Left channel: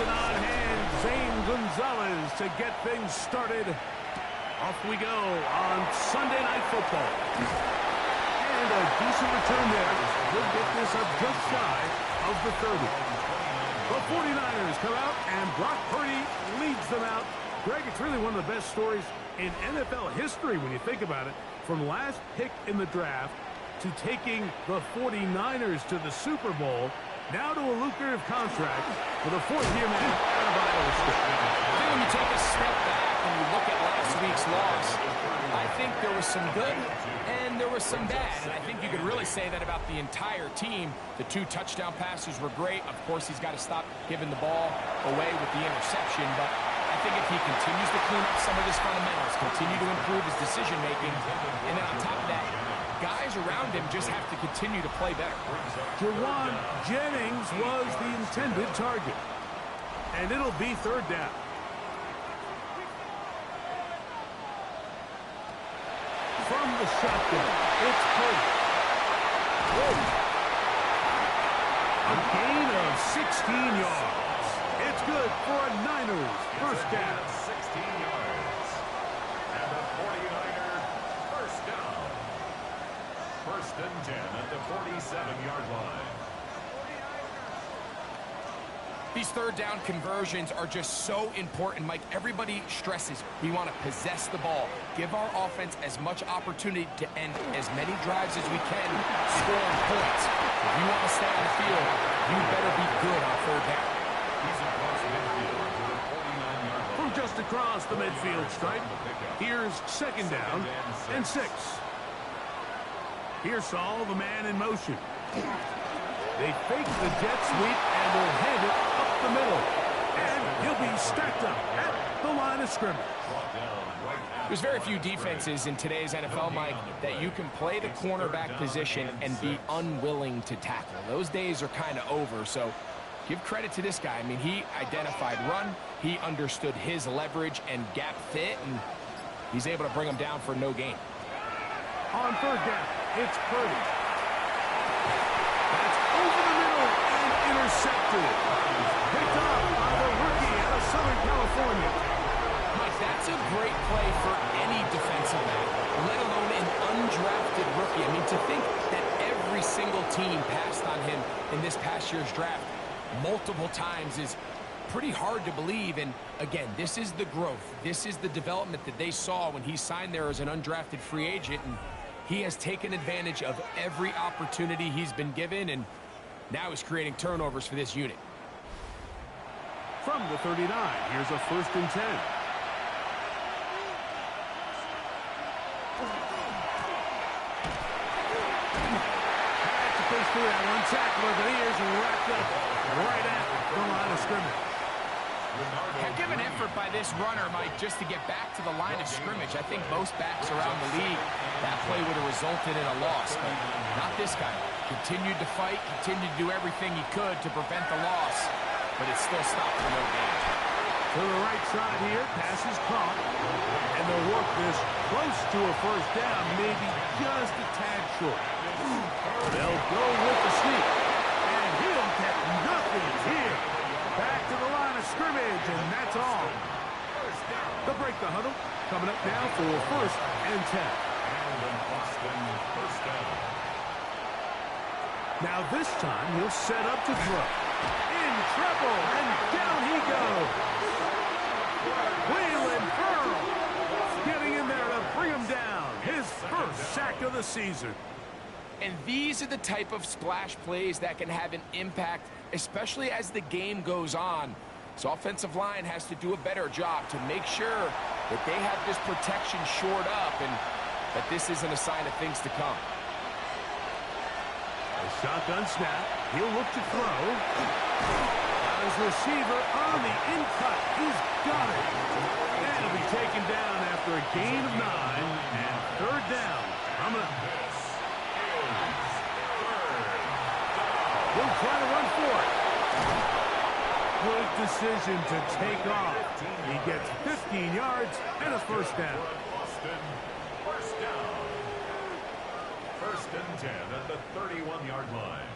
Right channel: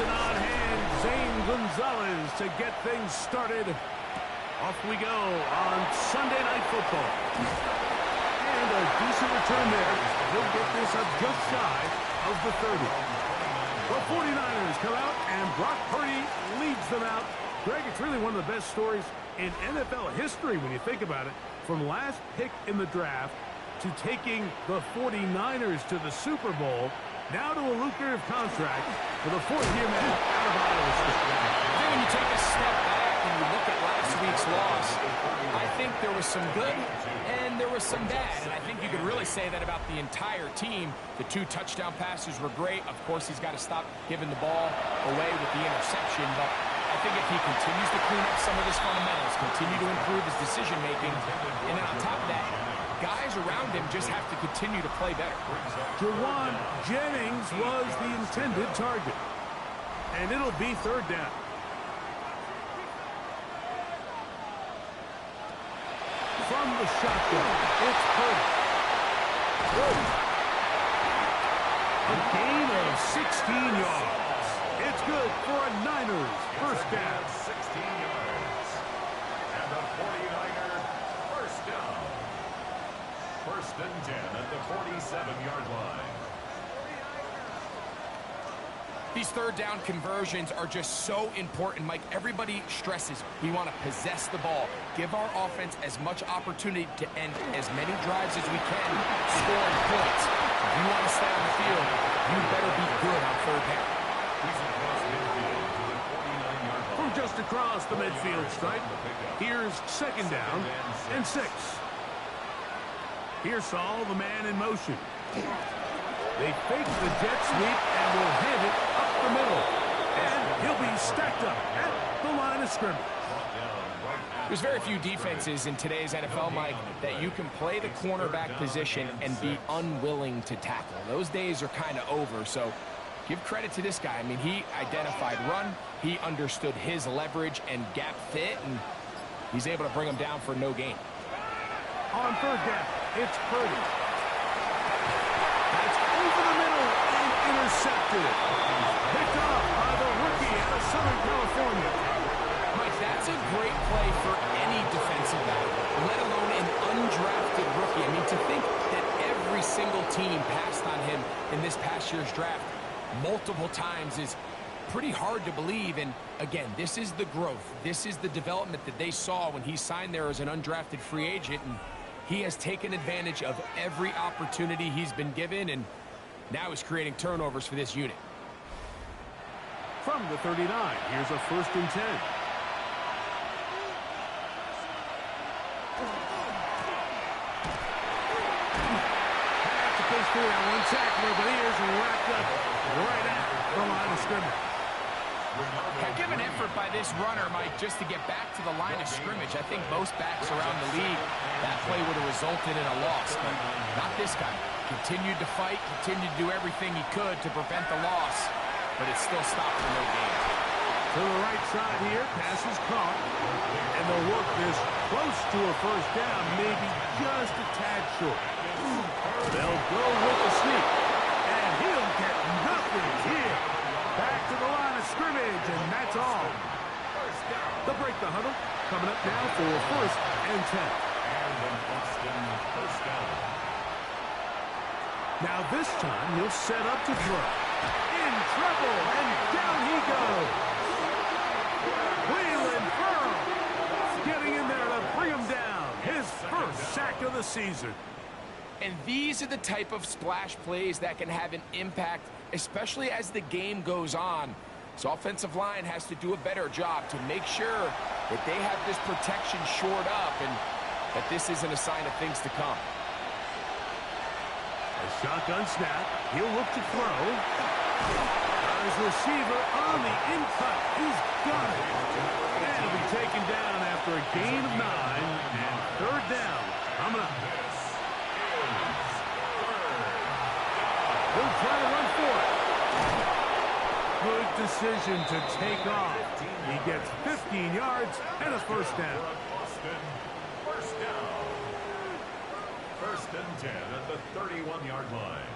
Action on hand, Zane Gonzalez to get things started. Off we go on Sunday Night Football. And a decent return there. He'll get this up just shy of the 30. The 49ers come out, and Brock Purdy leads them out. Greg, it's really one of the best stories in NFL history when you think about it. From last pick in the draft to taking the 49ers to the Super Bowl, now to a lucrative contract for the fourth-year man out of Iowa State. I think when you take a step back and you look at last week's loss, I think there was some good and there was some bad. And I think you could really say that about the entire team. The 2 touchdown passes were great. Of course, he's got to stop giving the ball away with the interception. But I think if he continues to clean up some of his fundamentals, continue to improve his decision-making, and then on top of that, guys around him just have to continue to play better. Jawan Jennings was the intended target. And it'll be 3rd down. From the shotgun, it's Purdy. A gain of 16 yards. It's good for a Niners first down. 16 yards. And the 49ers first down. 1st and 10 at the 47-yard line. These 3rd down conversions are just so important, Mike. Everybody stresses we want to possess the ball, give our offense as much opportunity to end as many drives as we can, scoring points. If you want to stay on the field, you better be good on 3rd down. He's across midfield to the 49-yard line. From just across the midfield stripe, here's 2nd down and 6. Here's Saul, the man in motion. They fake the jet sweep and will hand it up the middle. And he'll be stacked up at the line of scrimmage. There's very few defenses in today's NFL, Mike, that you can play the cornerback position and be unwilling to tackle. Those days are kind of over, so give credit to this guy. I mean, he identified run, he understood his leverage and gap fit, and he's able to bring him down for no gain. On 3rd down, it's Purdy. That's over the middle and intercepted. Picked up by the rookie out of Southern California. Mike, that's a great play for any defensive back, let alone an undrafted rookie. I mean, to think that every single team passed on him in this past year's draft multiple times is pretty hard to believe. And again, this is the growth. This is the development that they saw when he signed there as an undrafted free agent. And he has taken advantage of every opportunity he's been given, and now he's creating turnovers for this unit. From the 39, here's a 1st and 10. Had to push through that one tackler, but he is wrapped up right at the line of scrimmage. Heck of an effort by this runner, Mike, just to get back to the line of scrimmage. I think most backs around the league, that play would have resulted in a loss, but not this guy. Continued to fight, continued to do everything he could to prevent the loss, but it still stopped for no gain. To the right side here, pass is caught, and they'll work this close to a 1st down, maybe just a tad short. They'll go with the sneak, and he'll get nothing here. Back to the line of scrimmage, and that's all. They'll break the huddle. Coming up now for 1st and 10. And an Austin first down. Now this time he'll set up to throw. In trouble, and down he goes. Waylon Pearl getting in there to bring him down. His 1st sack of the season. And these are the type of splash plays that can have an impact, especially as the game goes on. So offensive line has to do a better job to make sure that they have this protection shored up and that this isn't a sign of things to come. A shotgun snap. He'll look to throw. Got his receiver on the in-cut. He's got it. And he'll be taken down after a gain of 9 and 3rd down. Coming up. He'll try to run for it. Good decision to take off. He gets 15 yards and a 1st down. Boston, first down. 1st and 10 at the 31-yard line.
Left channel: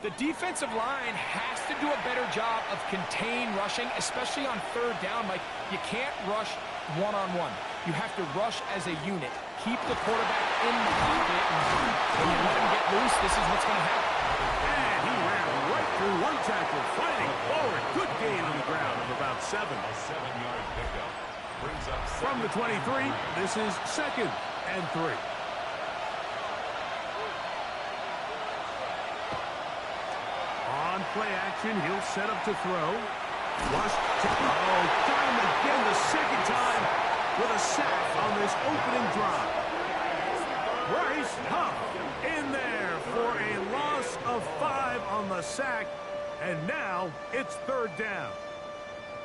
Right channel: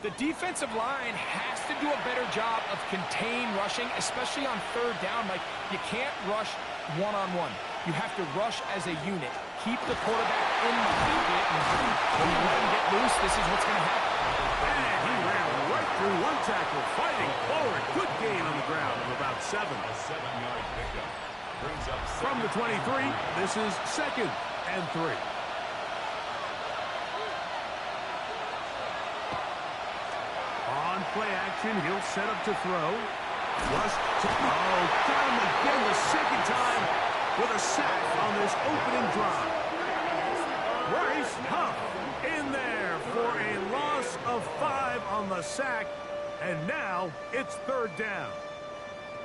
The defensive line has to do a better job of contain rushing, especially on third down. Like, you can't rush one-on-one. You have to rush as a unit. Keep the quarterback in the pocket, and when you let him get loose, this is what's going to happen. And he ran right through one tackle, fighting forward. Good gain on the ground of about 7. A 7-yard pickup brings up From the 23, this is 2nd and 3. On play action, he'll set up to throw. Rush to, got him again the second time with a sack on this opening drive. Bryce Huff in there for a loss of 5 on the sack, and now it's 3rd down.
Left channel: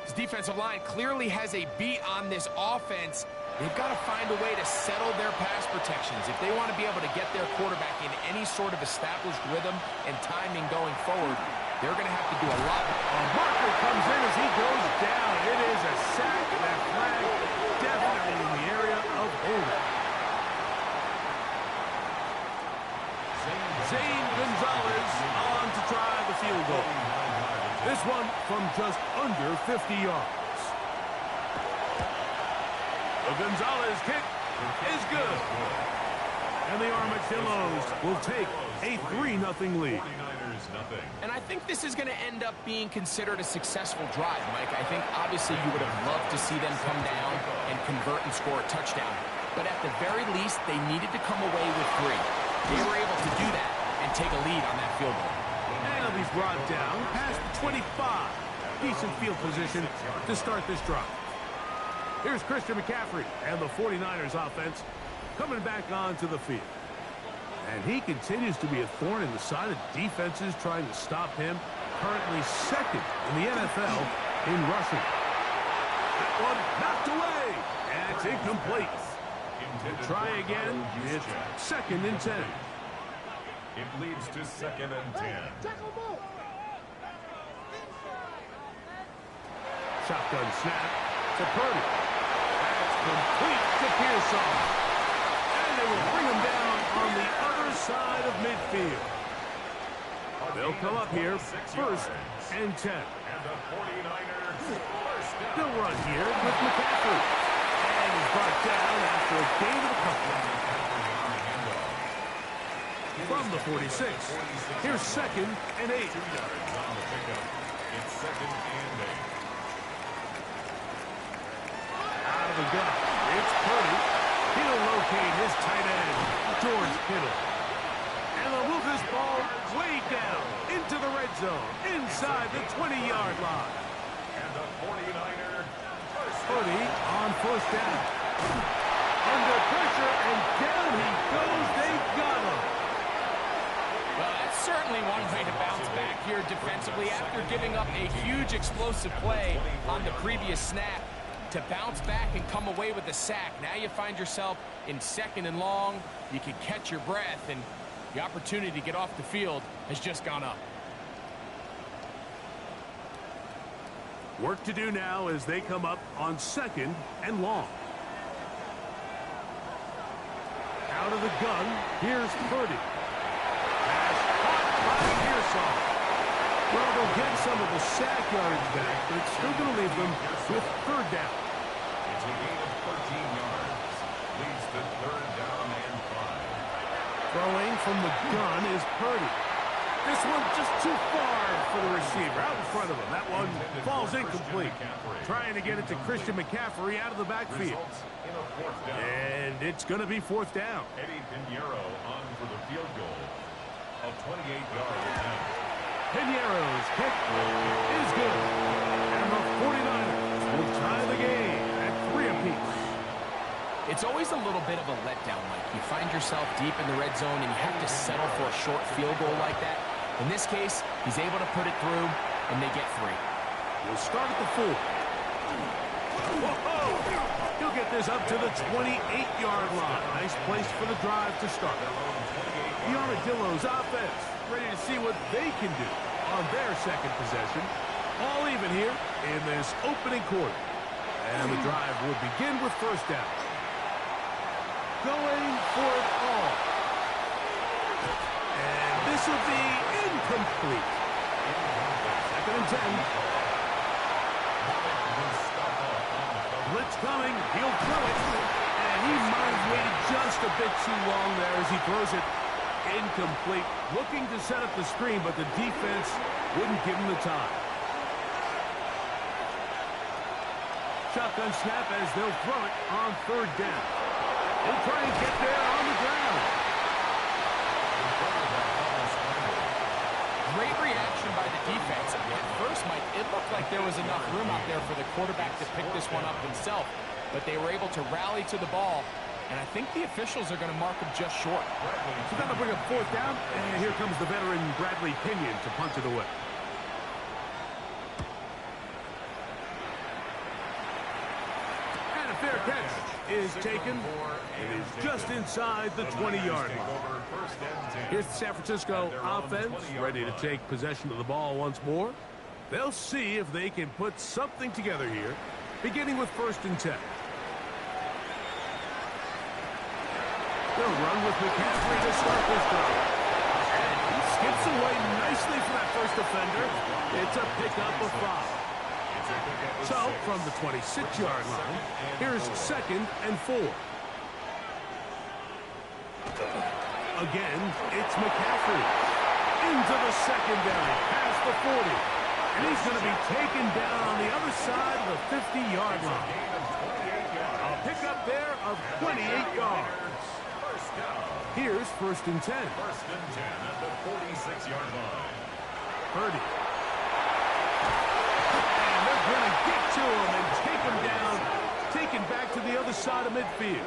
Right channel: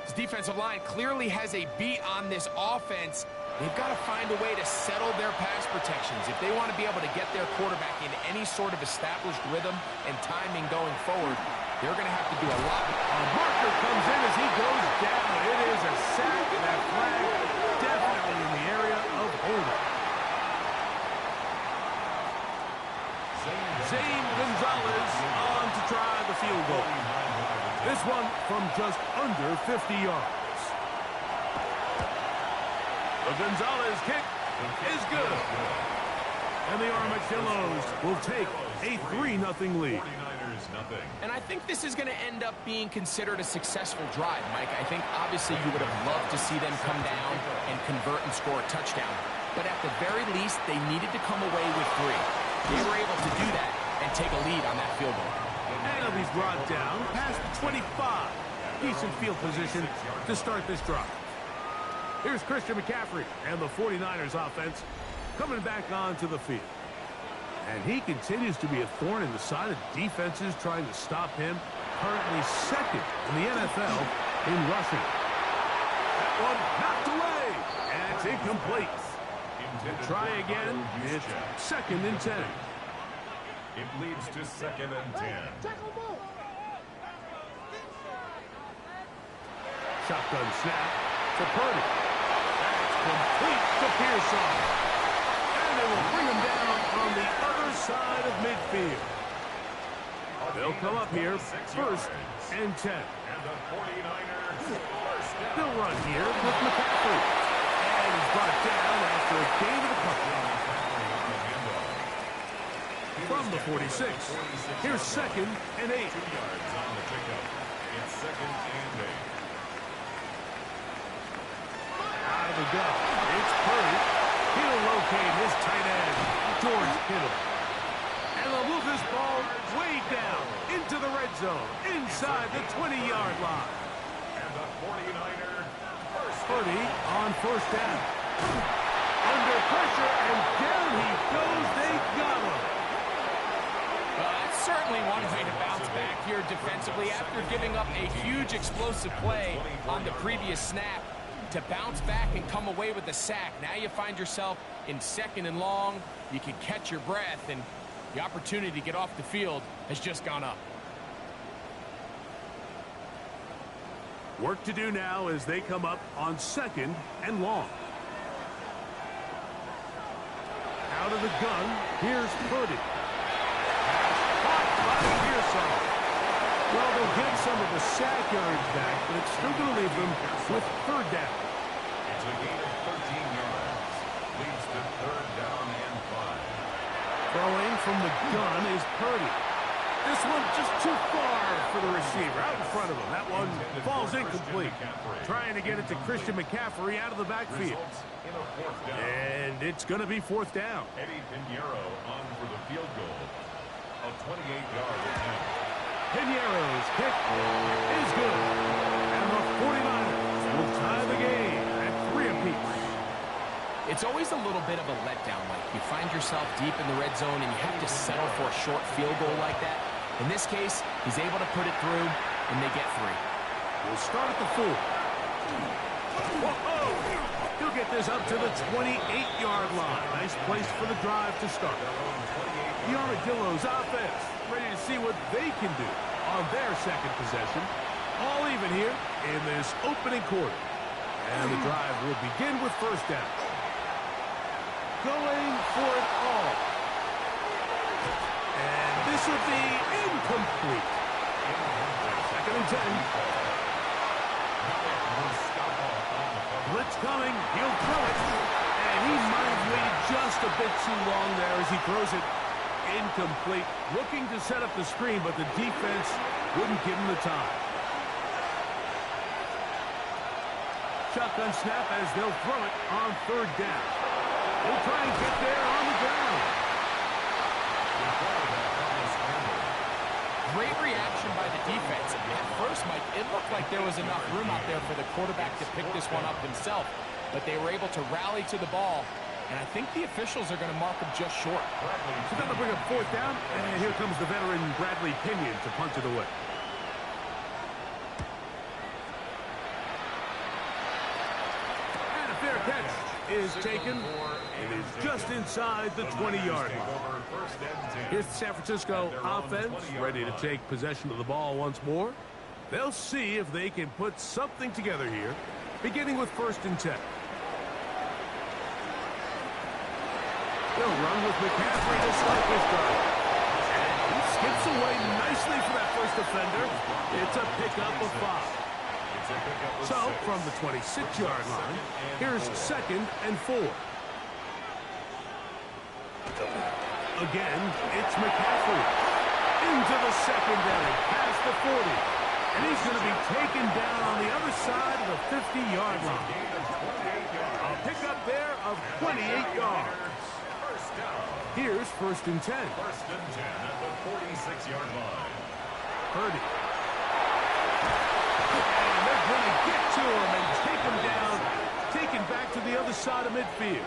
This defensive line clearly has a beat on this offense. They've got to find a way to settle their pass protections. If they want to be able to get their quarterback in any sort of established rhythm and timing going forward, they're going to have to do a lot. A marker comes in as he goes down. It is a sack, and that flag definitely in the area of holding. Zane Gonzalez on to try the field goal. This one from just under 50 yards. The Gonzalez kick is good. And the Armadillos will take a 3-0 lead. And I think this is going to end up being considered a successful drive, Mike. I think obviously you would have loved to see them come down and convert and score a touchdown. But at the very least, they needed to come away with 3. They were able to do that and take a lead on that field goal. And he'll be brought down past the 25. Decent field position to start this drive. Here's Christian McCaffrey and the 49ers offense coming back onto the field. And he continues to be a thorn in the side of defenses trying to stop him. Currently 2nd in the NFL in rushing. That one knocked away. And it's incomplete. We'll try again. It's 2nd and 10. It leads to 2nd and 10. Shotgun snap to Purdy. That's complete to Pearson. And they will bring him down on the other side of midfield. They'll come up here 1st and 10. And the 49ers first down. They'll run here with McCaffrey. And he's brought down after a gain of a couple. From the 46. Here's 2nd and 8. 2 yards on the pickup. It's 2nd and 8. Out of the gun. It's Purdy. He'll locate his tight end, George Kittle. And they'll move this ball way down into the red zone, inside the 20-yard line. And the 49er first down. Purdy on 1st down. Under pressure, and down he goes. They got him. Well, that's certainly one way to bounce back here defensively after giving up a huge explosive play on the previous snap. To bounce back and come away with a sack. Now you find yourself in 2nd and long. You can catch your breath, and the opportunity to get off the field has just gone up. Work to do now as they come up on 2nd and long. Out of the gun, here's Purdy. Pass caught by Pearson. Well, they'll get some of the sack yardage back, but it's still going to leave them with 3rd down. It's a gain of 13 yards. Leads to 3rd down and 5. Throwing from the gun is Purdy. This one just too far for the receiver, out in front of him. That one falls incomplete. Trying to get it to Christian McCaffrey out of the backfield. In a 4th down. And it's going to be 4th down. Eddie Pinheiro on for the field goal. A 28-yard attempt. Pinheiro's kick is good. And the 49ers will tie the game at 3 apiece. It's always a little bit of a letdown, Mike. You find yourself deep in the red zone, and you have to settle for a short field goal like that. In this case, he's able to put it through, and they get 3. We'll start at the 4. Whoa! He'll get this up to the 28-yard line. Nice place for the drive to start. The Armadillos offense ready to see what they can do on their 2nd possession. All even here in this opening quarter. And the drive will begin with 1st down. Going for it all. And this will be incomplete. Second and 10. Blitz coming. He'll throw it. And he might have waited just a bit too long there as he throws it incomplete. Looking to set up the screen, but the defense wouldn't give him the time. Shotgun snap as they'll throw it on third down. He'll try and get there on the ground. Great reaction by the defense. At first, Mike, it looked like there was enough room out there for the quarterback to pick this one up himself, but they were able to rally to the ball, and I think the officials are going to mark him just short. So that'll bring up fourth down, and here comes the veteran Bradley Pinion to punt it away. And a fair catch is taken. It is just inside the 20-yard line. Here's the San Francisco offense ready to take possession of the ball once more. They'll see if they can put something together here, beginning with first and 10. They'll run with McCaffrey to start this drive. And he skips away nicely for that first defender. It's a pickup of 5. So, from the 26-yard line, here's second and 4. Again, it's McCaffrey. Into the secondary, past the 40. And he's going to be taken down on the other side of the 50-yard line. A pickup there of 28 yards. Here's first and 10. First and 10 at the 46-yard line. Purdy. And they're going to get to him and take him down, taken back to the other side of midfield.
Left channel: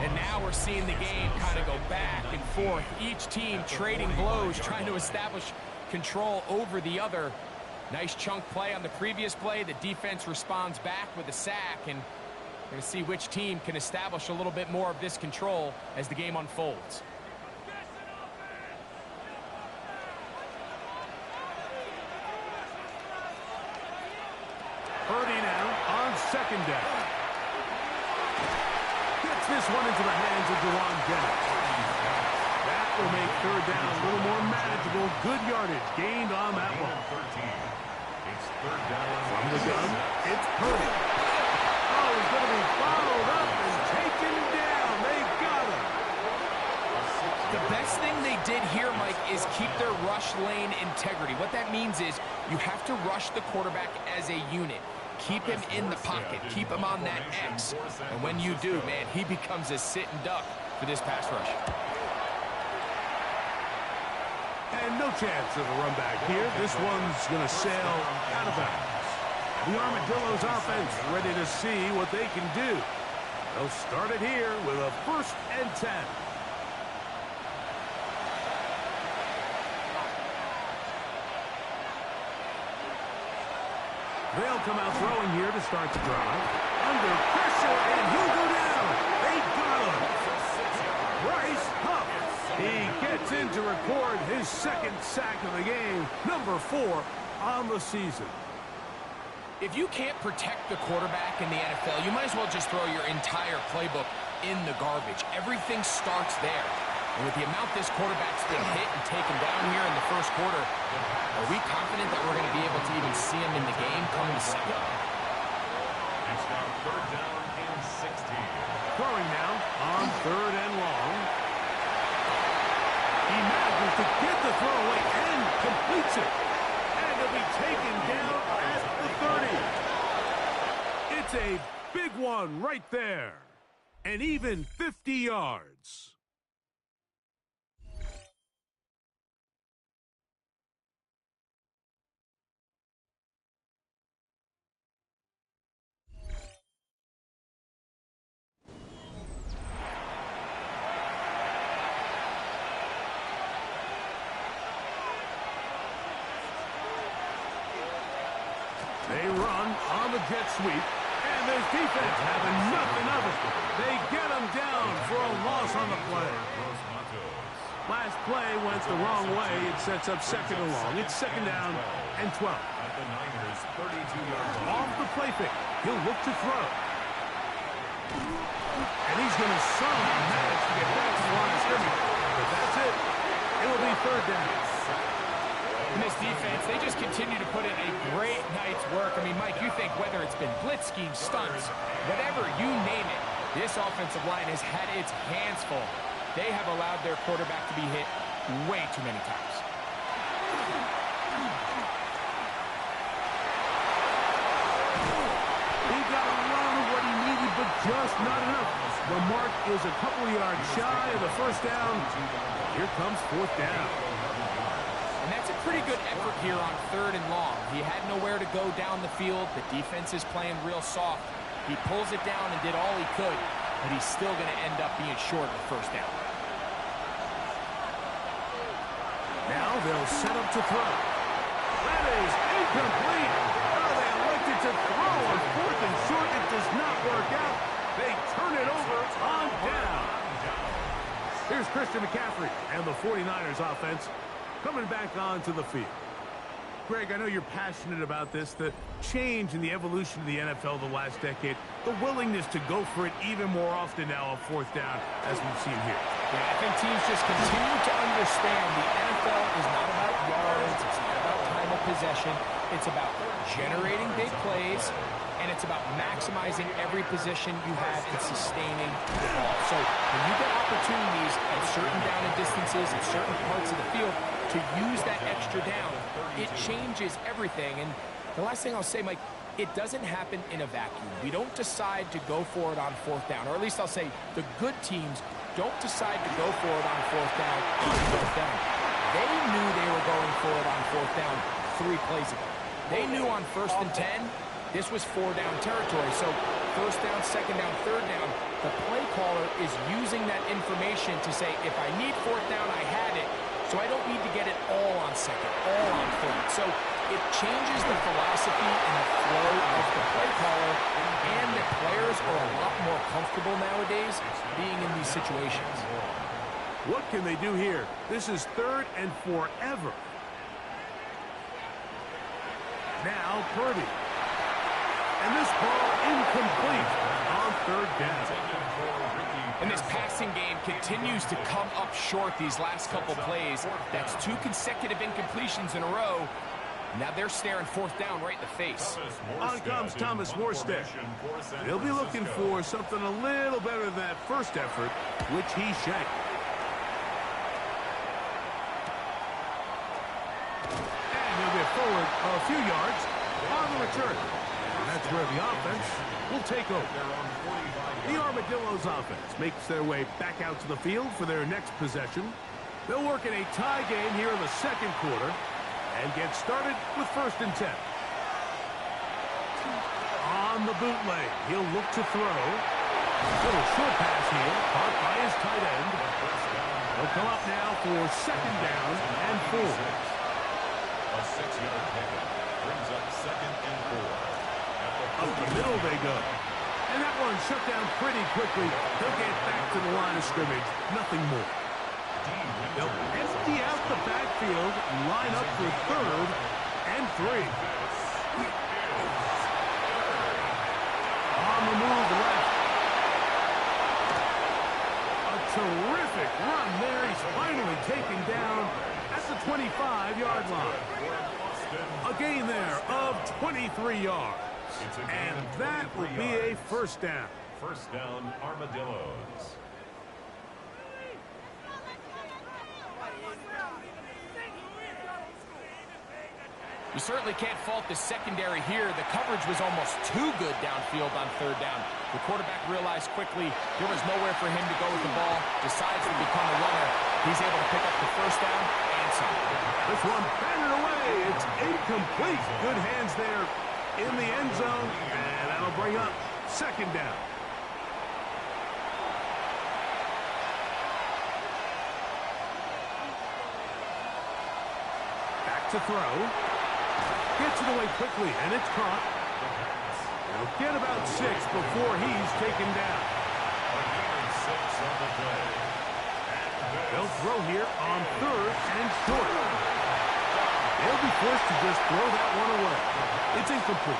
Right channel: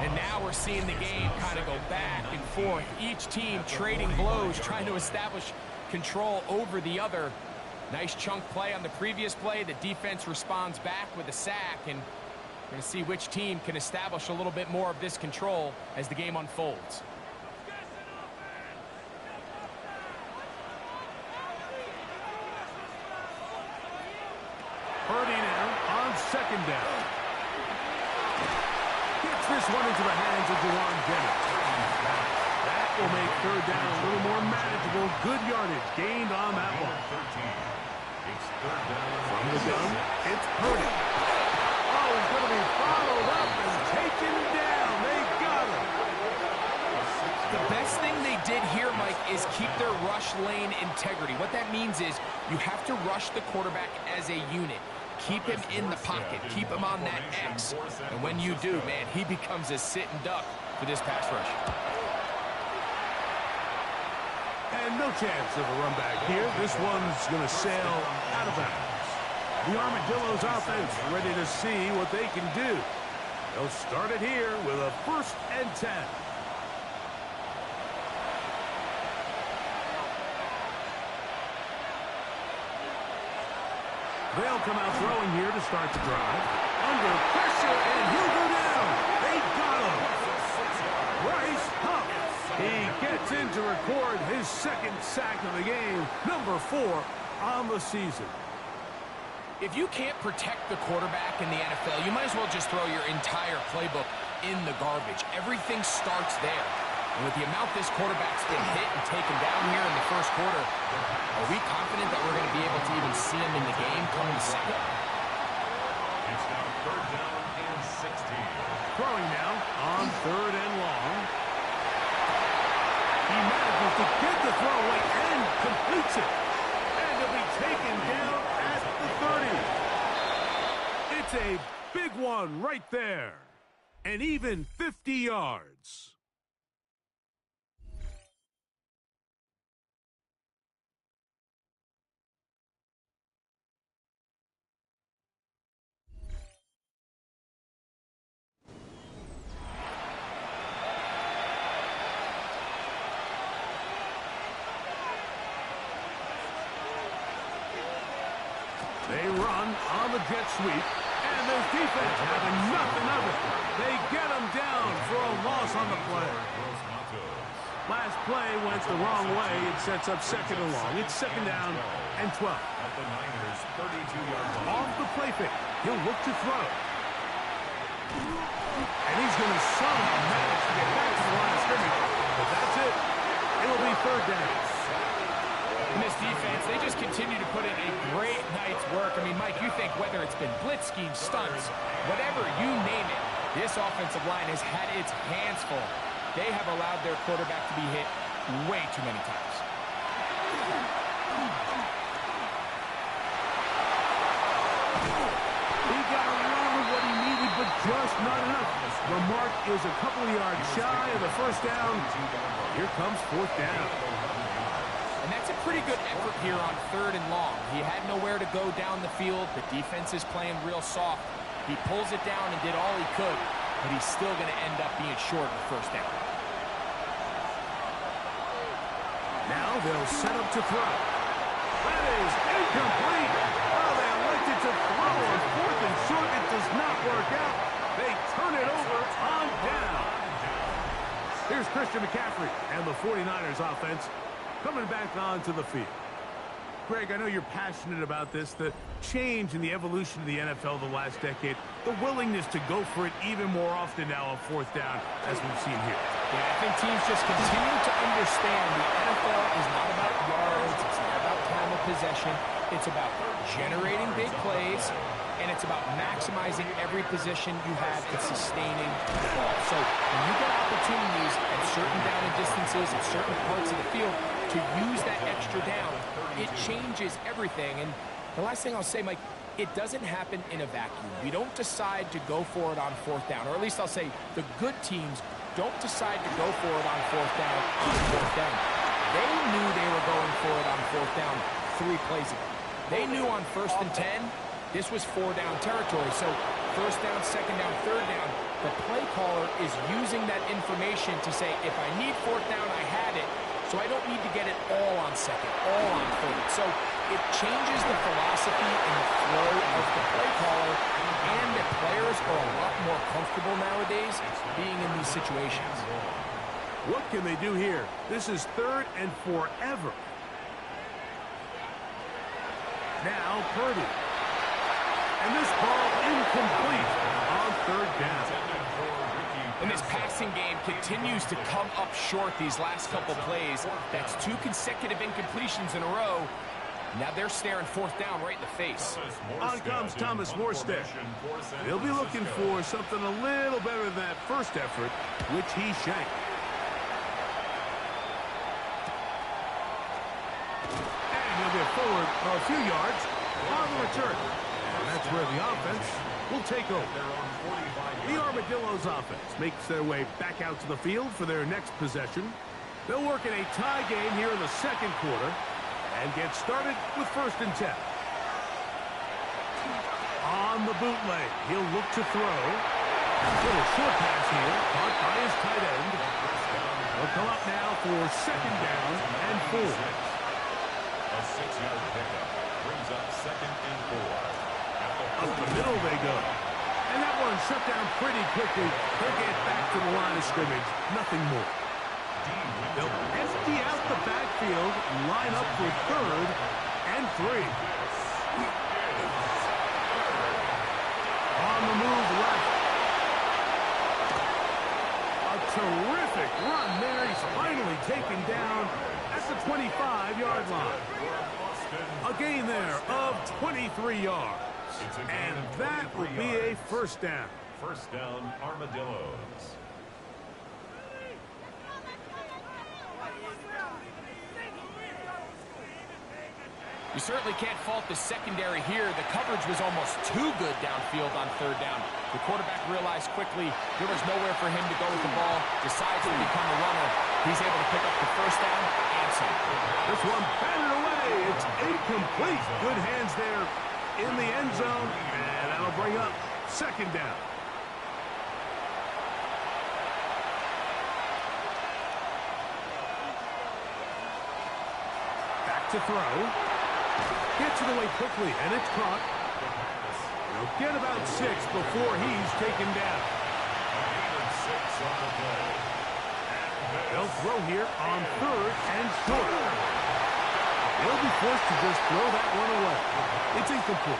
And now we're seeing the game kind of go back and forth. Each team trading blows, trying to establish control over the other. Nice chunk play on the previous play. The defense responds back with a sack, and we're going to see which team can establish a little bit more of this control as the game unfolds. Purdy now on second down. Gets this one into the hands of Jawan Jennings. That will make third down a little more manageable. Good yardage gained on that one. It's third down. From the gun, it's Purdy. Oh, he's going to be followed up and taken down. They got him. The best thing they did here, Mike, is keep their rush lane integrity. What that means is you have to rush the quarterback as a unit. Keep him in the pocket. Keep him on that X. And when you do, man, he becomes a sitting duck for this pass rush. And no chance of a run back here. This one's going to sail out of bounds. The Armadillos offense ready to see what they can do. They'll start it here with a first and 10. They'll come out throwing here to start the drive. Under pressure, and he'll go down. They got him. Bryce Huff. He gets in to record his second sack of the game, number 4 on the season. If you can't protect the quarterback in the NFL, you might as well just throw your entire playbook in the garbage. Everything starts there. And with the amount this quarterback's been hit and taken down here in the first quarter, are we confident that we're going to be able to even see him in the game come the second? It's now third down and 16. Throwing now on third and long. He manages to get the throw away and completes it. And he'll be taken down at the 30. It's a big one right there. And even 50 yards. They run on the jet sweep, and this defense having nothing of it. They get them down for a loss on the play. Last play went the wrong way. It sets up second and long. It's second down and 12. At the Niners' 32-yard line. Off the play fake, he'll look to throw. And he's going to somehow manage to get back to the line of scrimmage but that's it. It'll be third down. In this defense, they just continue to put in a great night's work. I mean, Mike, you think whether it's been blitz schemes, stunts, whatever, you name it, this offensive line has had its hands full. They have allowed their quarterback to be hit way too many times. He got a lot of what he needed, but just not enough. The mark is a couple of yards shy of the first down. Here comes fourth down. And that's a pretty good effort here on third and long. He had nowhere to go down the field. The defense is playing real soft. He pulls it down and did all he could, but he's still going to end up being short of the first down. Now they'll set up to throw. That is incomplete. Oh, they elected to throw on fourth and short. It does not work out. They turn it over on down. Here's Christian McCaffrey and the 49ers offense coming back onto the field. Greg, I know you're passionate about this, the change in the evolution of the NFL the last decade, the willingness to go for it even more often now on fourth down, as we've seen here. Yeah, I think teams just continue to understand the NFL is not about yards, it's not about time of possession, it's about generating big plays, and it's about maximizing every position you have and sustaining the ball. So when you get opportunities at certain down and distances at certain parts of the field to use that extra down, it changes everything. And the last thing I'll say, Mike, it doesn't happen in a vacuum. We don't decide to go for it on fourth down, or at least I'll say the good teams don't decide to go for it on fourth down They knew they were going for it on fourth down 3 plays ago. They knew on first and 10, this was 4-down territory. So first down, second down, third down, the play caller is using that information to say, if I need fourth down, I had it, so I don't need to get it all on second, all on third. So it changes the philosophy and the flow of the play caller, and the players are a lot more comfortable nowadays being in these situations. What can they do here? This is third and forever. Now Purdy. And this ball incomplete on third down. And this passing game continues to come up short these last couple plays. That's 2 consecutive incompletions in a row. Now they're staring fourth down right in the face. On comes Thomas Morstead. He'll be looking for something a little better than that first effort, which he shanked. And he'll get forward a few yards on the return. And that's where the offense will take over. The Armadillos offense makes their way back out to the field for their next possession. They'll work in a tie game here in the second quarter and get started with first and 10. On the bootleg, he'll look to throw. Little short pass here, caught by his tight end. He'll come up now for second down and 4. A 6-yard pickup brings up second and 4. Up the middle they go. And that one shut down pretty quickly. They'll get back to the line of scrimmage. Nothing more. They'll empty out the backfield, line up for third and 3. On the move left. A terrific run there. He's finally taken down at the 25-yard line. A gain there of 23 yards. And that will be a first down. First down, Armadillos. You certainly can't fault the secondary here. The coverage was almost too good downfield on third down. The quarterback realized quickly there was nowhere for him to go with the ball, decides to become a runner. He's able to pick up the first down and some. This one batted away. It's incomplete. Good hands there in the end zone, and that'll bring up second down. Back to throw. Gets it away quickly, and it's caught. He'll get about 6 before he's taken down. A gain of 6 on the play. They'll throw here on third and short. They'll be forced to just throw that one away. It's incomplete.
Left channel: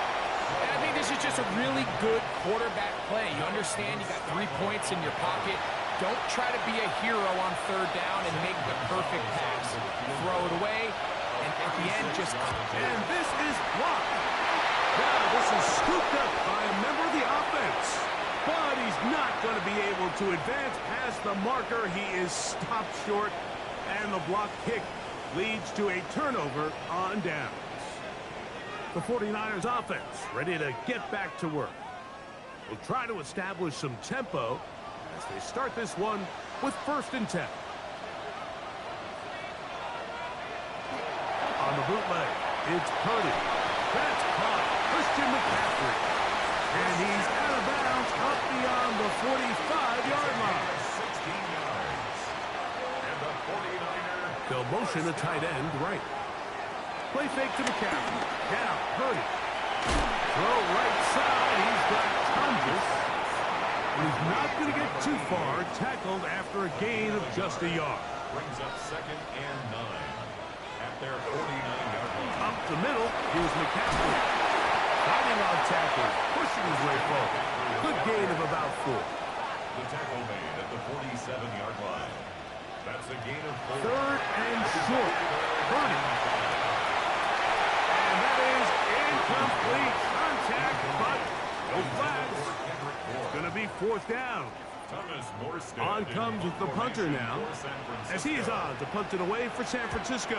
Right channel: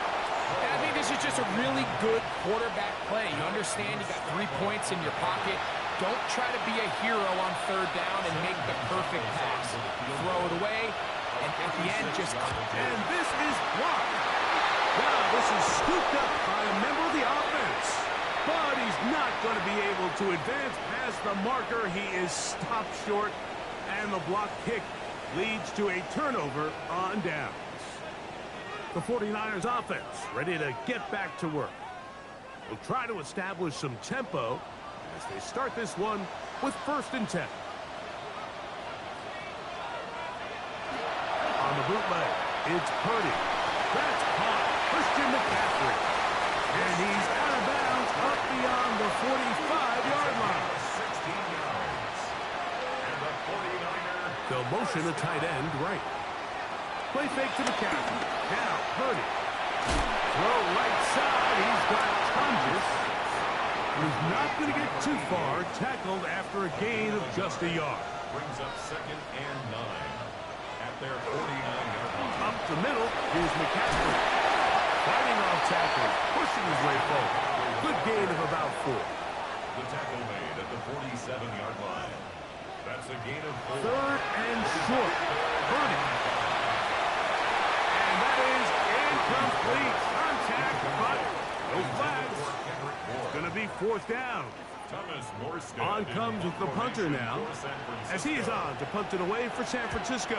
And I think this is just a really good quarterback play. You understand you got 3 points in your pocket. Don't try to be a hero on third down and make the perfect pass. Throw it away, and at the end, just... And this is blocked. Now this is scooped up by a member of the offense. But he's not going to be able to advance past the marker. He is stopped short, and the block kick leads to a turnover on downs. The 49ers offense ready to get back to work. Will try to establish some tempo as they start this one with 1st and 10. On the bootleg, it's Purdy. That's caught. Christian McCaffrey. And he's out of bounds up beyond the 45-yard line. 16 yards. And the 49er. They'll motion a tight end right. Play fake to McCaffrey. Now, Purdy. Throw right side. He's got Tonjes. He's not going to get too far. Tackled after a gain of just a yard. Brings up 2nd and 9 at their 49-yard line. Up the middle, here's McCaffrey. Fighting off tackles, pushing his way forward. Good gain of about 4. The tackle made at the 47-yard line. That's a gain of 4. 3rd and short. Purdy. And that is incomplete. Contact, but no flags. It's going to be 4th down. Thomas Morstead On comes the punter now, as he is on to punt it away for San Francisco.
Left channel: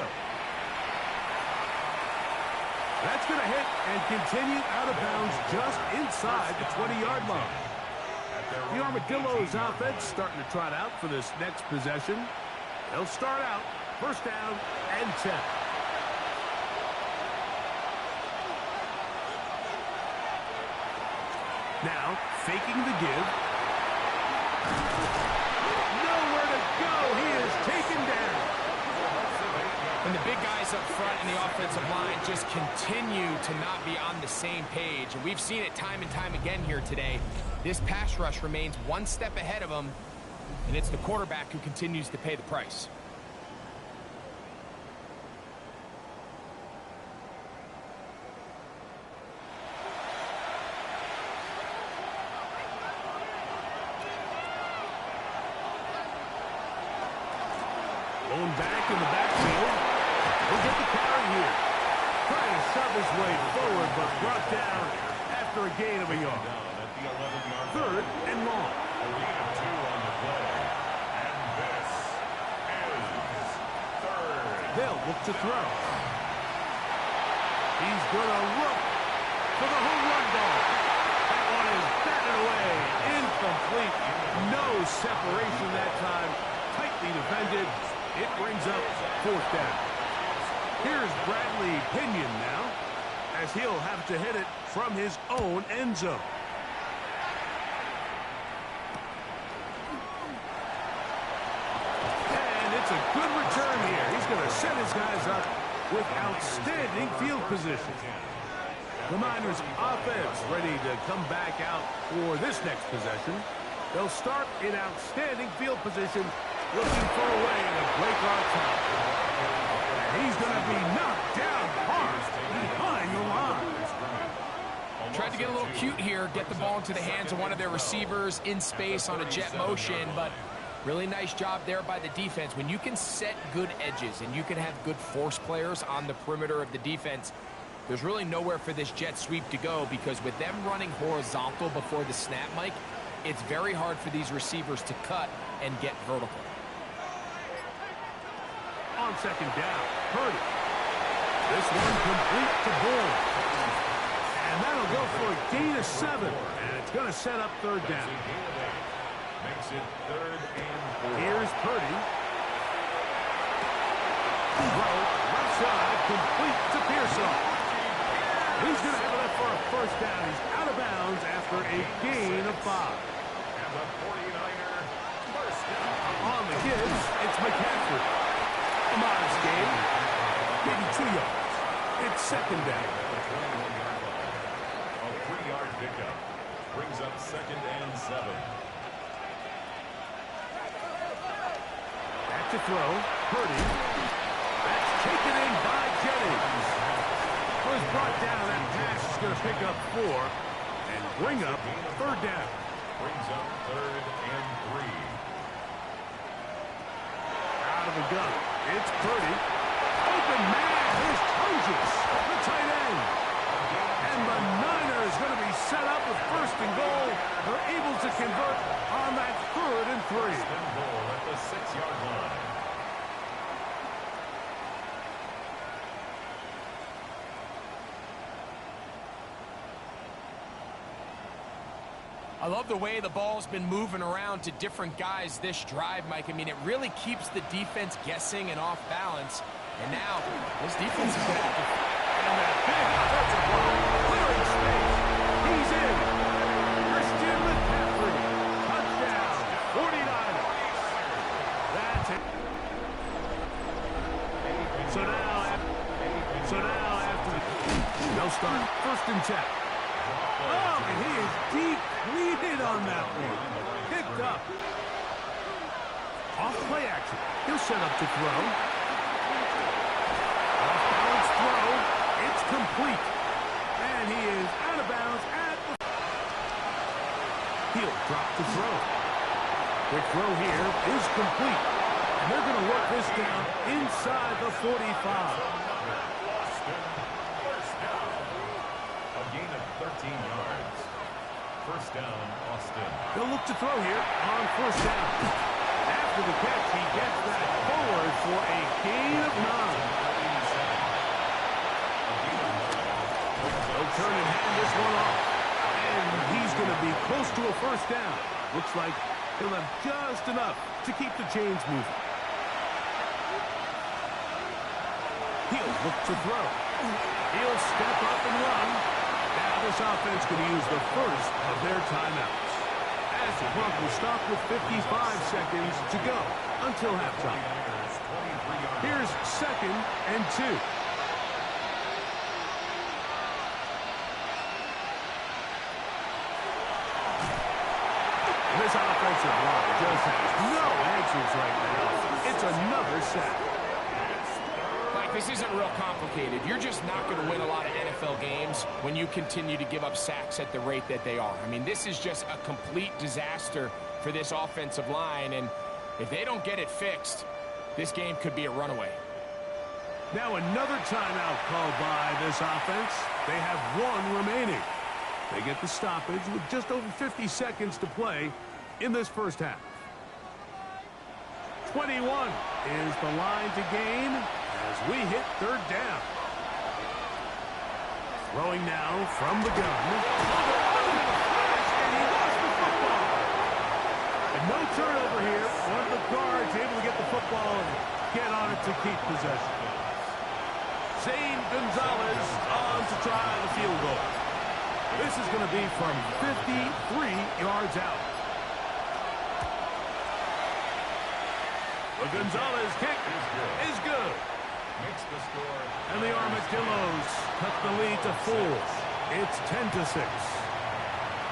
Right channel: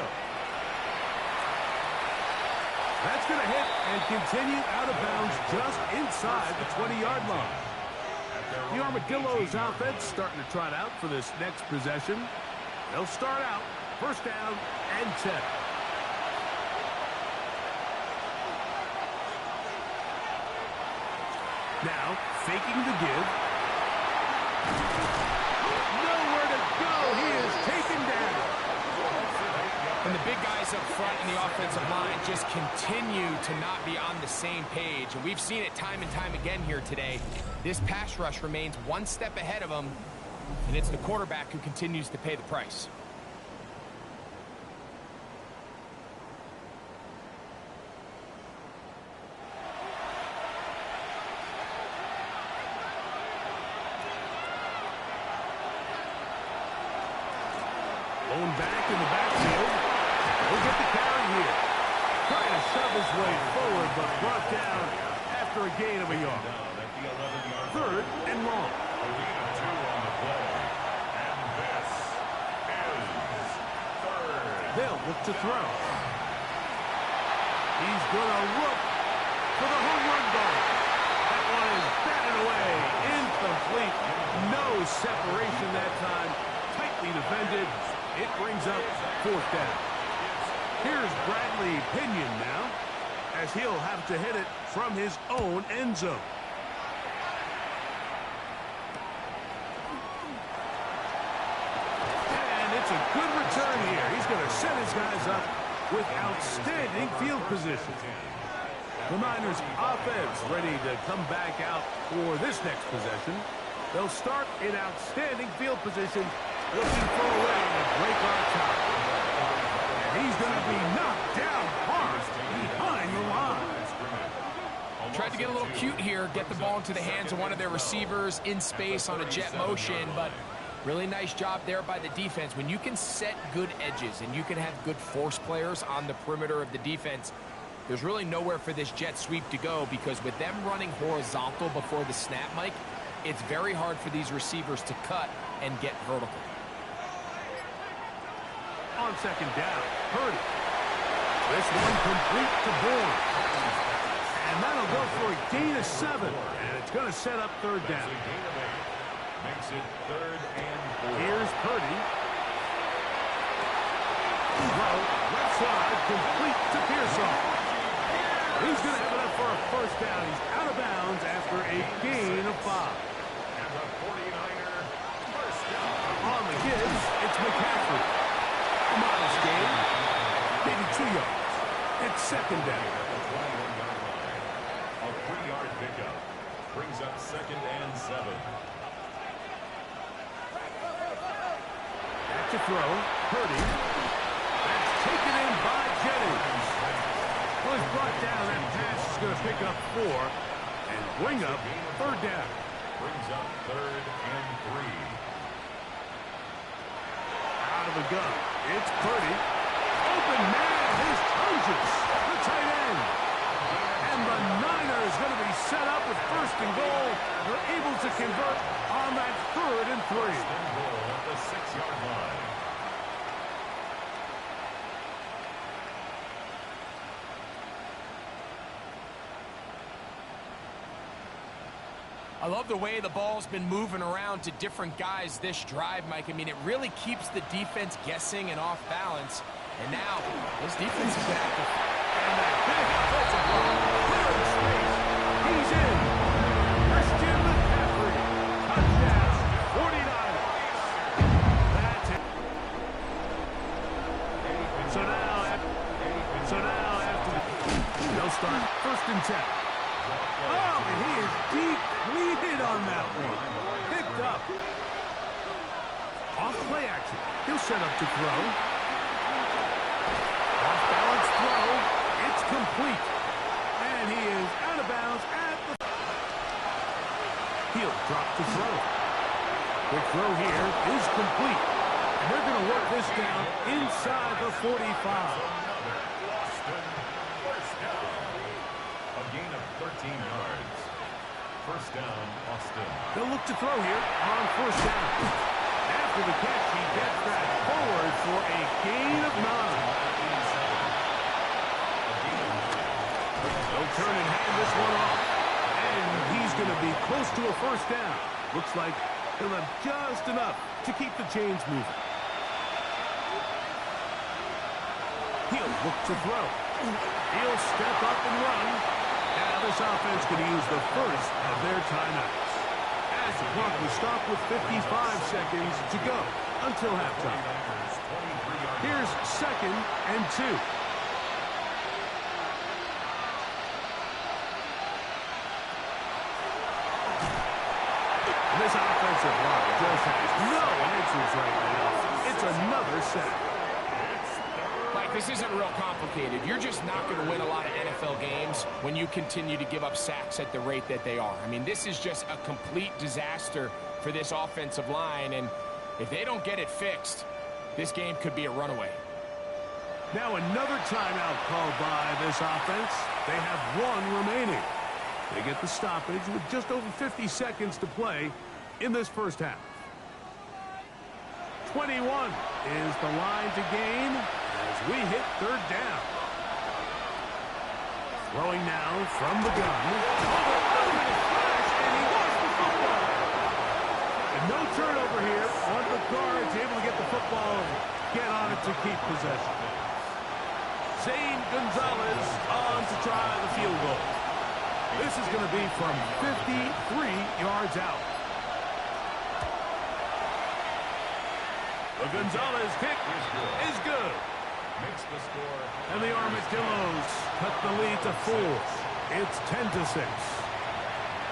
That's going to hit and continue out of bounds just inside the 20-yard line. The Armadillos offense starting to trot out for this next possession. They'll start out 1st down and 10. Now, faking the give. Nowhere to go. He is taken down. And the big guys up front in the offensive line just continue to not be on the same page. And we've seen it time and time again here today. This pass rush remains one step ahead of them, and it's the quarterback who continues to pay the price. Blown back in the backfield. He'll get the carry here. Trying to shove his way forward, but brought down after a gain of a yard. Down at the 11-yard 3rd and long. A lead of 2 on the play. And this is 3rd. They'll look to throw. He's going to look for the home run ball. That one is batted away. Incomplete. No separation that time. Tightly defended. It brings up 4th down. Here's Bradley Pinion now, as he'll have to hit it from his own end zone. And it's a good return here. He's going to set his guys up with outstanding field position. The Niners offense ready to come back out for this next possession. They'll start in outstanding field position, looking for a way to break our tie. And he's going to be knocked down hard behind the line. Tried to get a little cute here, get the ball into the hands of one of their receivers in space on a jet motion, but really nice job there by the defense. When you can set good edges and you can have good force players on the perimeter of the defense, there's really nowhere for this jet sweep to go, because with them running horizontal before the snap, Mike, it's very hard for these receivers to cut and get vertical. On 2nd down, Purdy. This one complete to Bourne. And that'll go for a gain of 7. And it's going to set up 3rd down. Makes it 3rd and 4. Here's Purdy. Throw, left side, complete to Pearsall. He's going to have it up for a 1st down. He's out of bounds after a gain of 5. And the 49er 1st down. On the gives, it's McCaffrey. A modest gain, maybe 2 yards. It's 2nd down. At the 21-yard line. A 3-yard pickup. Brings up 2nd and 7. Back to throw. Purdy. That's taken in by Jennings. Well, he's brought down. That pass is going to pick up 4 and bring up 3rd down. Brings up 3rd and 3. out of a gun. It's Purdy. Open man is Tunges, the tight end. And the Niners going to be set up with 1st and goal. They're able to convert on that 3rd and 3. 1st and goal at the 6-yard line. I love the way the ball's been moving around to different guys this drive, Mike. I mean, it really keeps the defense guessing and off balance. And now, this defense is going to have to... And that big offensive block, clearing space. He's in. Christian McCaffrey. Touchdown. 49ers. That's it. So now after they'll start 1st and 10. Oh, and he is depleted on that one. Picked up. Off play action. He'll set up to throw. Off balance throw. It's complete. And he is out of bounds at the... He'll drop to throw. Quick throw here is complete. And they're going to work this down inside the 45. A gain of 13 yards. 1st down, Austin. They'll look to throw here on 1st down. After the catch, he gets that forward for a gain of 9. They'll turn and hand this one off. And he's going to be close to a 1st down. Looks like he'll have just enough to keep the chains moving. He'll look to throw. He'll step up and run. Now this offense going to use the 1st of their timeouts. As the clock will stop with 55 seconds to go until halftime. Here's 2nd and 2. This offensive line just has no answers right now. It's another sack. Mike, this isn't real complicated. You're just not going to win a lot of NFL games when you continue to give up sacks at the rate that they are. I mean, this is just a complete disaster for this offensive line, and if they don't get it fixed, this game could be a runaway. Now another timeout called by this offense. They have 1 remaining. They get the stoppage with just over 50 seconds to play in this 1st half. 21 is the line to gain as we hit 3rd down. Throwing now from the gun. Oh, they're out of the flash, and he lost the football. And no turnover here. One of the guards able to get the football and get on it to keep possession. Zane Gonzalez on to try the field goal. This is going to be from 53 yards out. The Gonzalez kick is good. Makes the score. And the Armadillos cut the lead to 4. It's 10-6.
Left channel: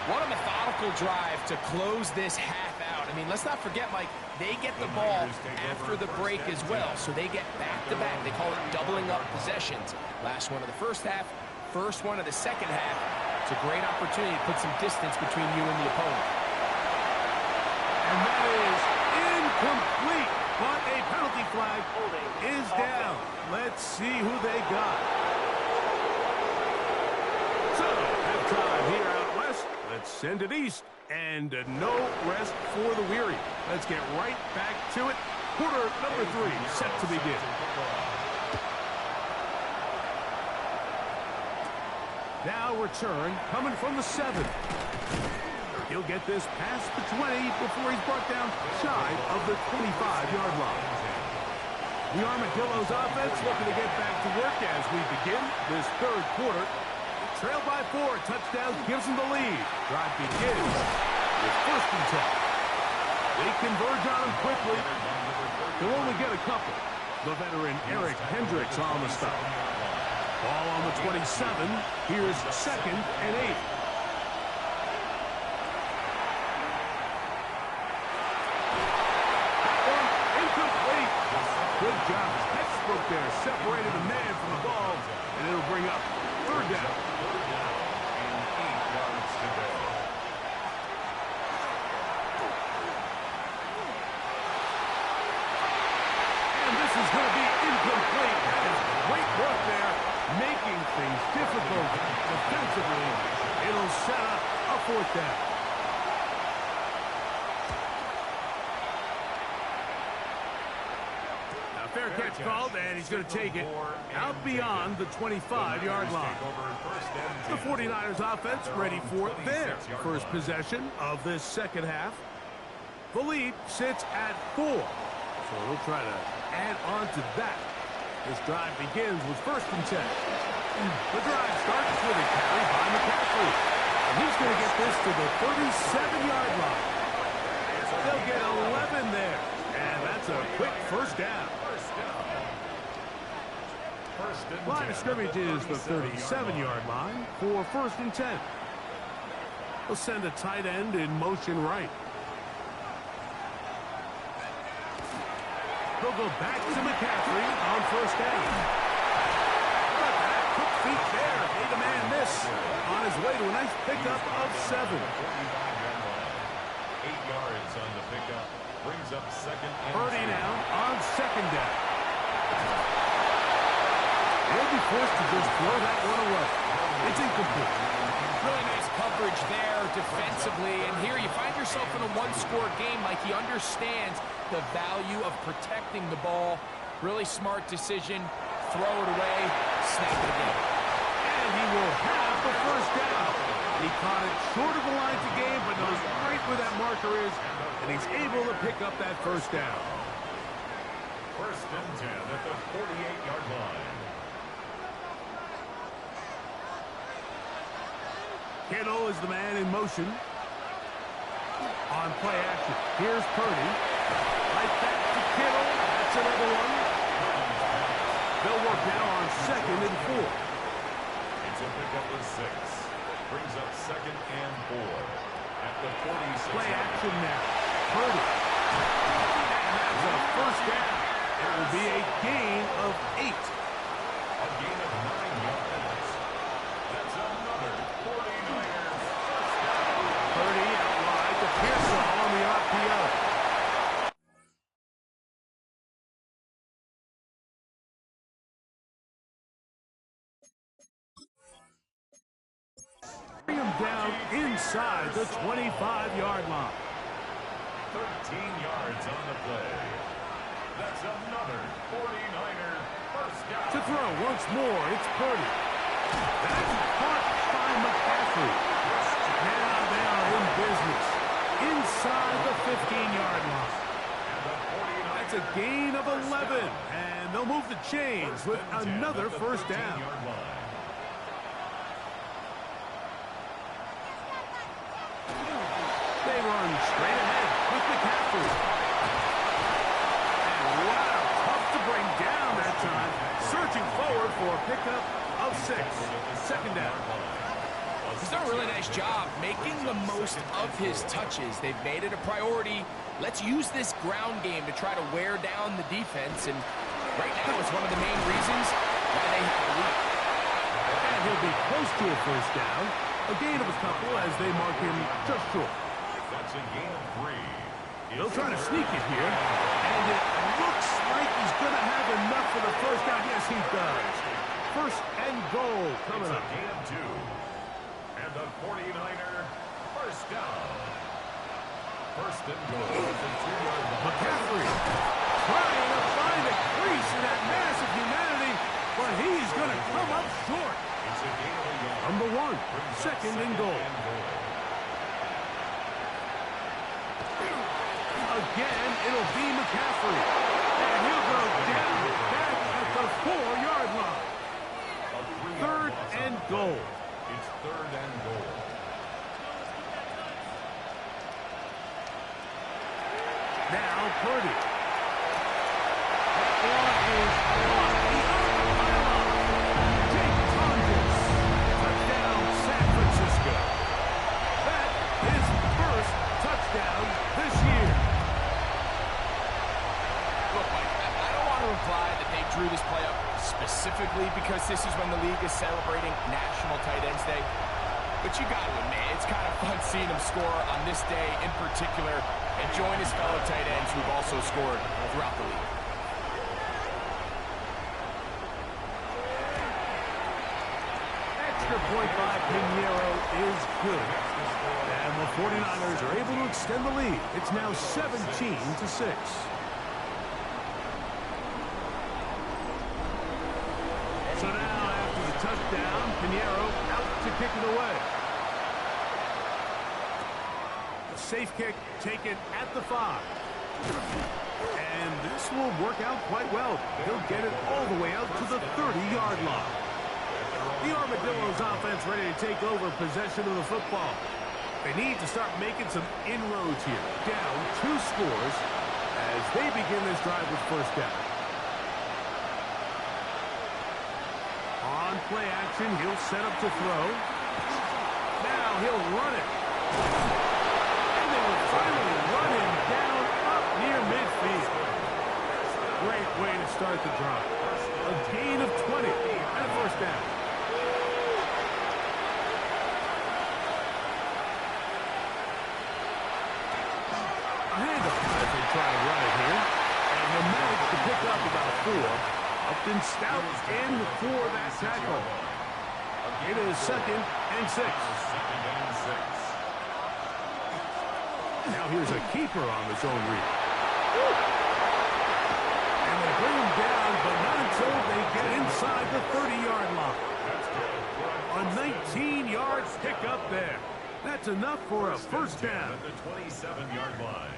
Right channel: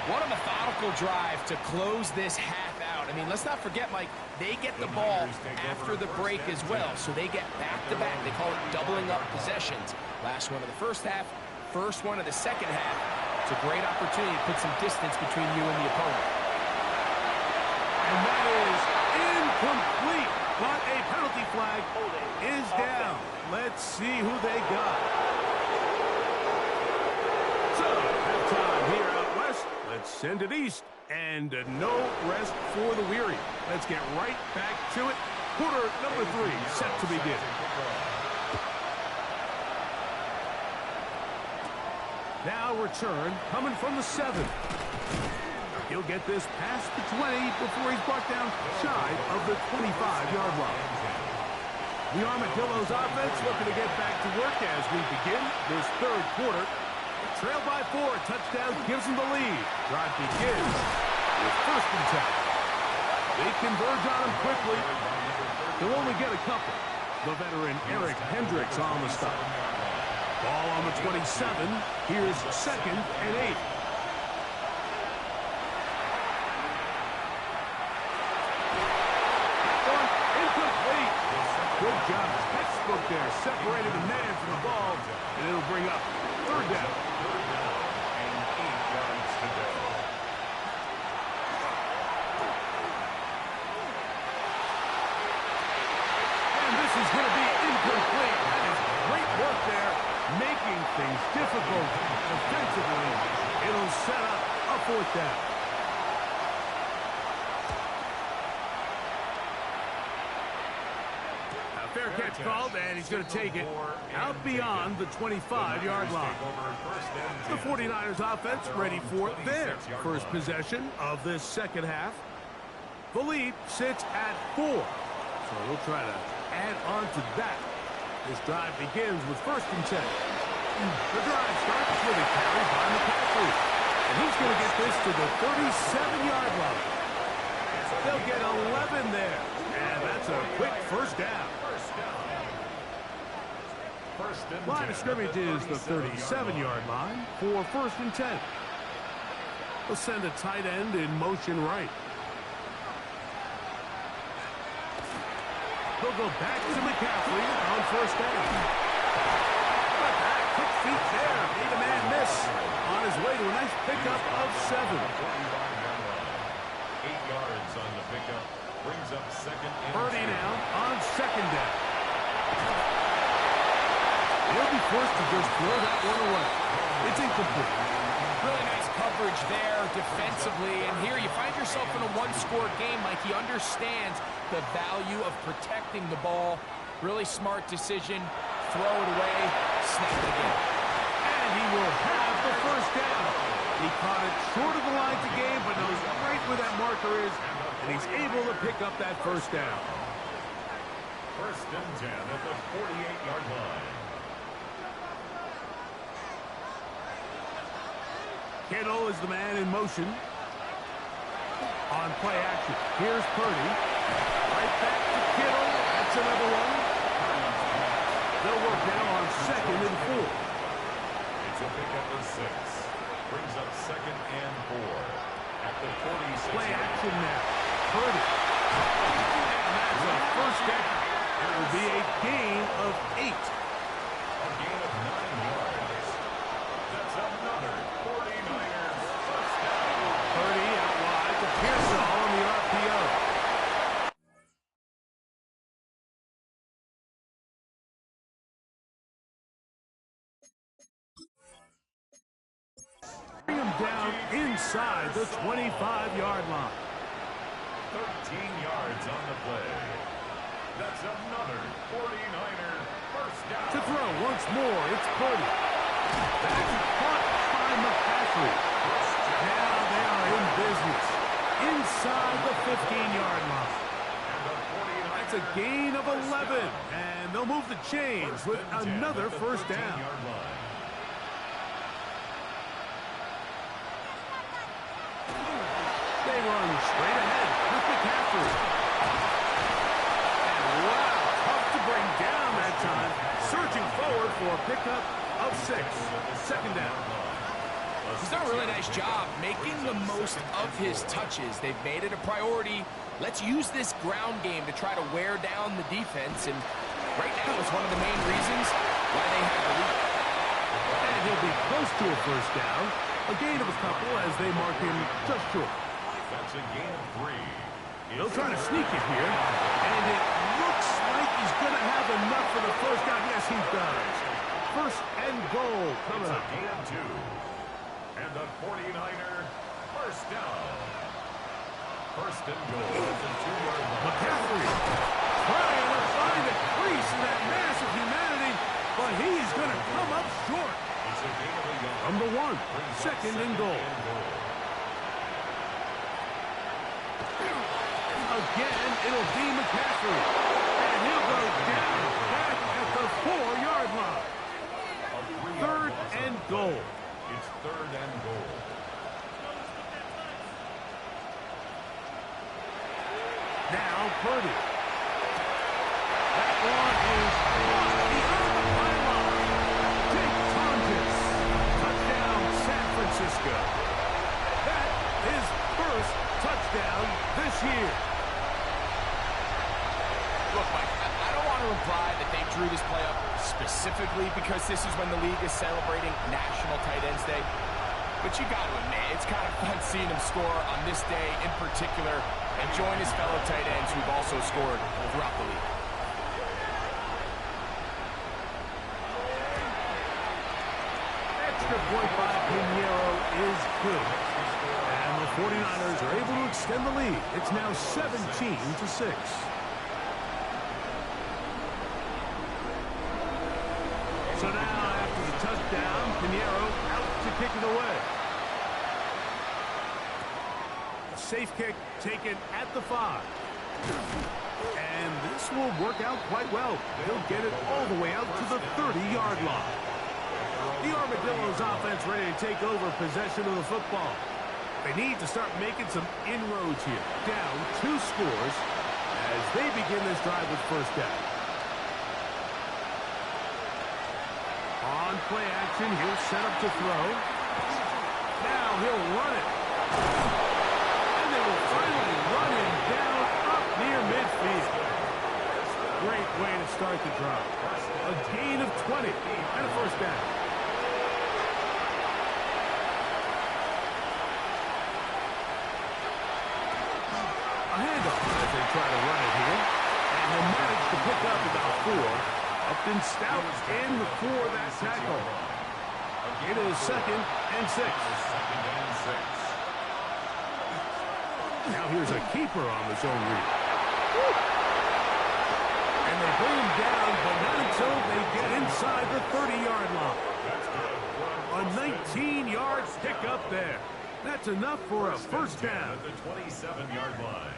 What a methodical drive to close this half out. I mean, let's not forget, Mike, they get the ball after the break as well, so they get back-to-back. They call it doubling up possessions. Last one of the 1st half, first one of the 2nd half. It's a great opportunity to put some distance between you and the opponent. And that is incomplete, but a penalty flag is down. Let's see who they got. So, halftime here out west. Let's send it east. And no rest for the weary. Let's get right back to it. Quarter number 3 set to begin. Now return coming from the 7. He'll get this past the 20 before he's brought down shy of the 25-yard line. The Armadillos offense looking to get back to work as we begin this 3rd quarter. Trailed by 4, touchdown gives them the lead. Drive begins with 1st and 10. They converge on him quickly. They'll only get a couple. The veteran Eric Hendricks on the stop. Ball on the 27. Here's 2nd and 8. That one incomplete. Good job. Textbook there. Separated the man from the ball. And it'll bring up 3rd down. 3rd down and 8 yards to go. set up a fourth down. Now fair catch called, and he's going to take it out beyond the 25-yard line. The 49ers offense ready for their first possession of this second half. The lead sits at 4, so they'll try to add on to that. This drive begins with 1st and 10. The drive starts with a carry by McCaffrey, and he's going to get this to the 37-yard line. They'll get 11 there, and that's a quick first down. Line of scrimmage is the 37-yard line for 1st and 10. They'll send a tight end in motion right. They'll go back to McCaffrey on 1st down. How about that? Quick feet there. Made a man miss on his way to a nice pickup of 7. 8 yards on the pickup. Brings up 2nd and Purdy now on 2nd down. He'll be forced to just throw that one away. It's incomplete. Really nice coverage there defensively. And here you find yourself in a one-score game. Like, he understands the value of protecting the ball. Really smart decision. Throw it away. Snap it again. And he will have the first down. He caught it short of the line to gain, but knows right where that marker is, and he's able to pick up that first down. 1st and 10 at the 48-yard line. Kittle is the man in motion. On play action, here's Purdy. Right back to Kittle. That's another one. They'll work now on 2nd and 4. It's a pickup of 6. Brings up 2nd and 4 at the 46. Play action now. Purdy. And that's a first down. It will be a gain of 8. A gain of 9 yards. That's another 49ers first down. Purdy out wide to Pearsall on the RPO. Bring him down inside the 25-yard line. 13 yards on the play. That's another 49er first down. To throw once more, it's Purdy. That's caught by McCaffrey. Now they are in business. Inside the 15-yard line. That's a gain of 11. And they'll move the chains with another first down. They run straight ahead with McCaffrey. And wow, tough to bring down that time. Searching forward for a pickup of 6. 2nd down. He's done a really nice job making the most of his touches. They've made it a priority. Let's use this ground game to try to wear down the defense. And right now it's one of the main reasons why they have the lead. And he'll be close to a first down. A gain of a couple as they mark him just short. That's a gain of 3. They'll try to sneak it here. And it looks like he's going to have enough for the first down. Yes, he does. 1st and goal coming up. It's a gain of 2. And the 49er first down. 1st and goal at the 2-yard line. McCaffrey trying to find a crease in that mass of humanity, but he's going to come up short. It's a gain of a yard. From the 1, 2nd and goal. Again, it'll be McCaffrey. And he'll go down back at the 4-yard line. 3rd and goal. It's 3rd and goal. Now Purdy. That one is caught beyond the pylon. Jake Tonjes. Touchdown, San Francisco. That is first touchdown this year. Look, Mike, I don't want to imply that they drew this play up specifically because this is when the league is celebrating National Tight Ends Day. But you got to admit, it's kind of fun seeing him score on this day in particular and join his fellow tight ends who've also scored throughout the league. Extra point by Pinheiro is good. And the 49ers are able to extend the lead. It's now 17-6. So now, after the touchdown, Pinheiro out to kick it away. A safe kick taken at the 5. And this will work out quite well. He'll get it all the way out to the 30-yard line. The Armadillos offense ready to take over possession of the football. They need to start making some inroads here. Down 2 scores as they begin this drive with first down. On play action, he'll set up to throw. Now he'll run it. And they will finally run him down up near midfield. Great way to start the drive. A gain of 20 and a first down. A handoff as they try to run it here. And he'll manage to pick up about 4. Upton Stout in for that tackle. It is 2nd and 6. Now here's a keeper on the zone read. And they bring him down, but not until they get inside the 30-yard line. A 19-yard pickup there. That's enough for a first down. At the 27-yard line.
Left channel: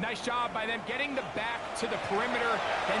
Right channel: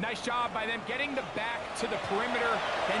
Nice job by them getting the back to the perimeter. Then